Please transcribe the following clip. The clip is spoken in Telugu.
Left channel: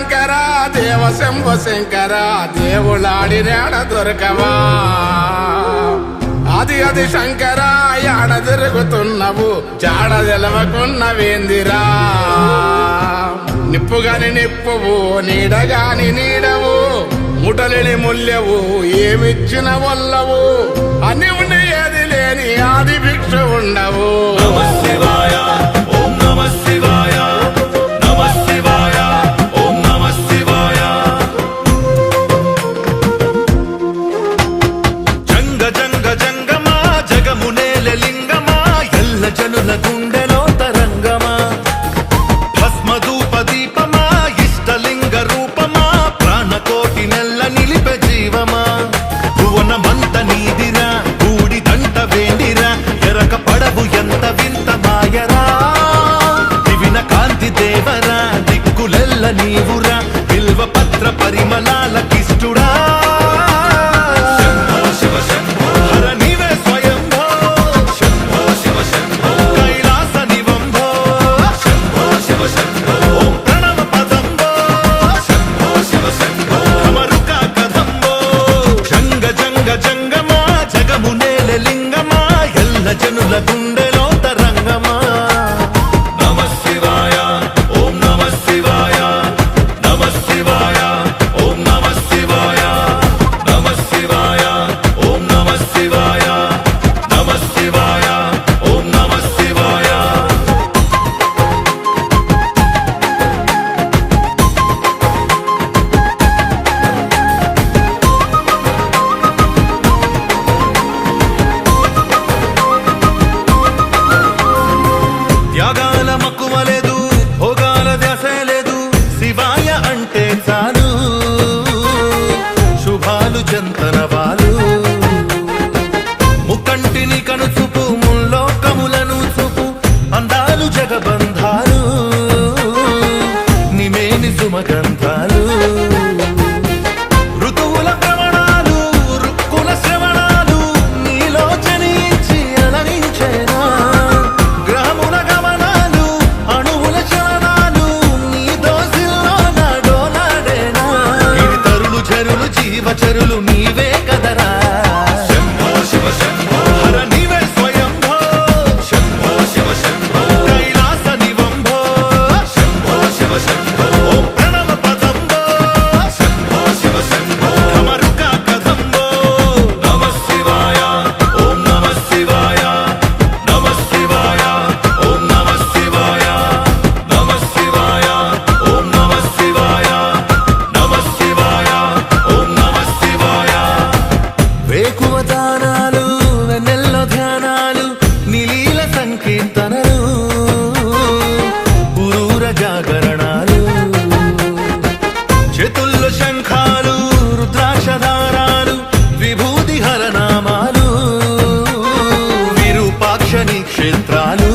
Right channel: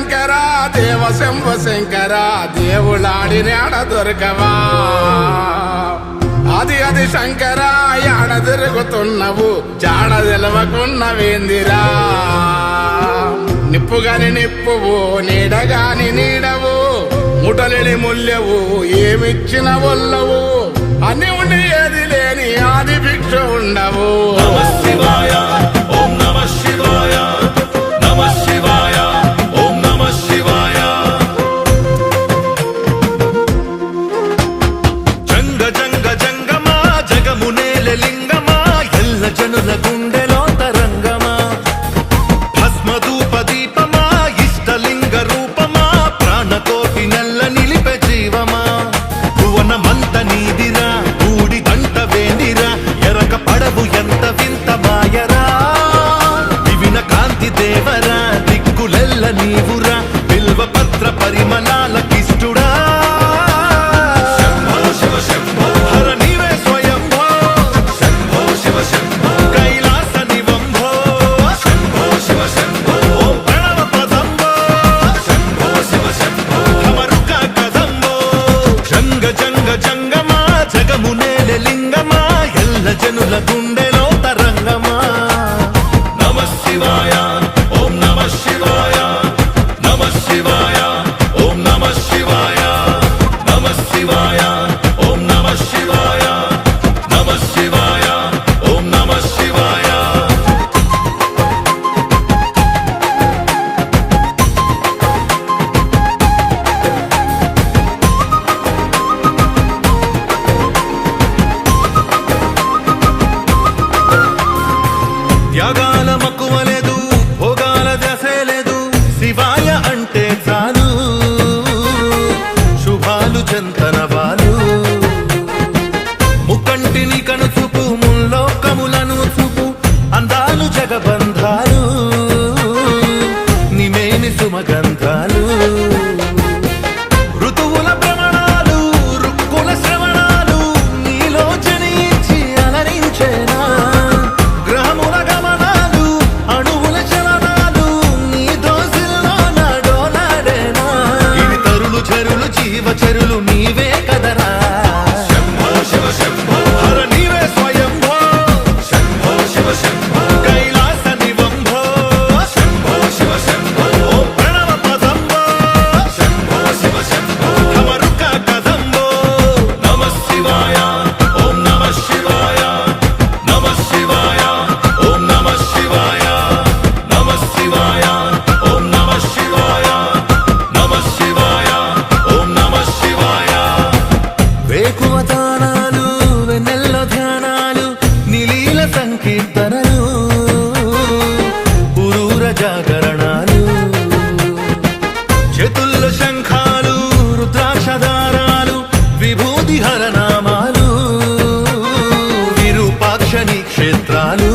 శంకర దేవ శంభ శంకర దేవులాడినాడ దొరకవా? అది అది శంకర యాడ తిరుగుతున్నావు? చాడ తెలవకున్నవేందిరా నిప్పుగాని నిప్పువు నీడగాని నీడవు ముటలిని ముల్యవు ఏమిచ్చిన వల్లవు? అన్ని ఉండి ఏది లేని ఆది భిక్ష ఉండవు. దేవరా దిక్కులెల్ల నీవురా బిల్వ పత్ర పరిమళాల కిష్టుడా. జంగమా జగమునేల లింగమా ఎల్ల జనుల గుండెలో తరంగమా. త్యాగాల మక్కువలేదు భోగాల ధ్యాసే లేదు శివాయ అంటే చాలు. శుభాలు చెంతనవాలు ముక్కంటిని కనుచూపు ముల్లోకములను చూపు అందాలు జగబంధాలు. నిమేని సుమగంధాలు. జీవచరులు నీవే కదరా. వేకువ దానాలు వెన్నెల్లో ధ్యానాలు నిలీల సంకీర్తనలు ఉరూర జాగరణాలు. చేతుల్లో శంఖాలు రుద్రాక్షధారాలు విభూతి హరనామాలు విరూపాక్షని క్షేత్రాలు